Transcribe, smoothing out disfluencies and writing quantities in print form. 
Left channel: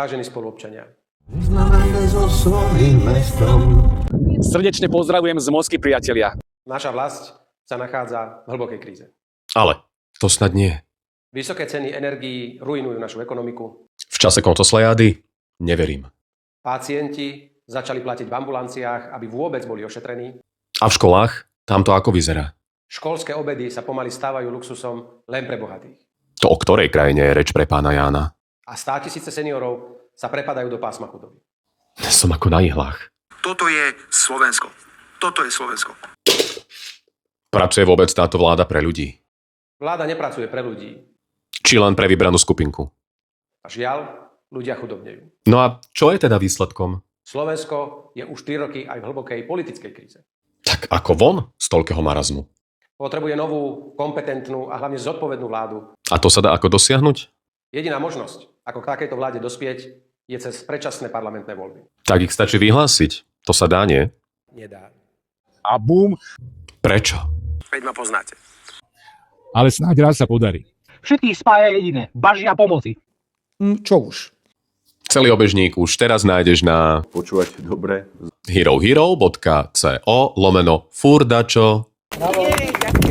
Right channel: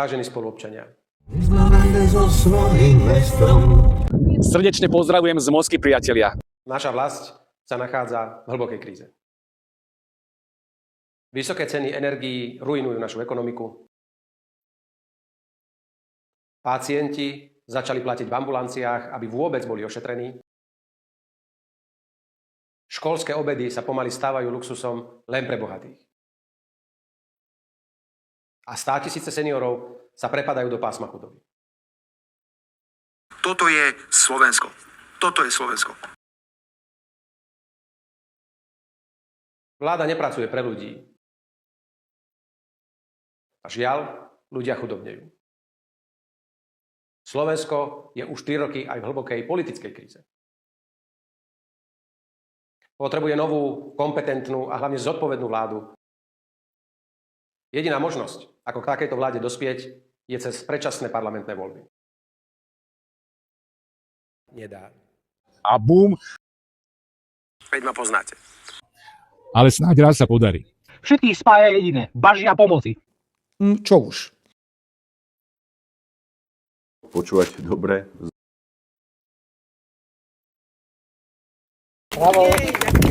Vážení spoluobčania, Srdečne pozdravujem z Moskvy, priatelia. naša vlast sa nachádza v hlbokej kríze. Ale to snad nie. Vysoké ceny energií ruinujú našu ekonomiku. V čase kontoslejády neverím. Pacienti začali platiť v ambulanciách, aby vôbec boli ošetrení. A v školách? Tam to ako vyzerá? Školské obedy sa pomaly stávajú luxusom len pre bohatých. To o ktorej krajine je reč pre pána Jána? A 100 000 seniorov sa prepadajú do pásma chudoby. Som ako na ihlách. Toto je Slovensko. Toto je Slovensko. Pracuje vôbec táto vláda pre ľudí? Vláda nepracuje pre ľudí. Či len pre vybranú skupinku? A žiaľ, ľudia chudobnejú. No a čo je teda výsledkom? Slovensko je už 4 roky aj v hlbokej politickej kríze. Tak ako von z toľkého marazmu? Potrebuje novú, kompetentnú a hlavne zodpovednú vládu. A to sa dá ako dosiahnuť? Jediná možnosť, ako k takejto vláde dospieť, je cez predčasné parlamentné voľby. Tak ich stačí vyhlásiť. To sa dá, nie? Nedá. A bum, Prečo? Veď ma poznáte. Ale snáď raz sa podarí. Všetkých spája jediné. Bažia pomoci. Čo už? Celý obežník už teraz nájdeš na Počúvať dobre. herohero.co/furdačo. Jej, ďakujem.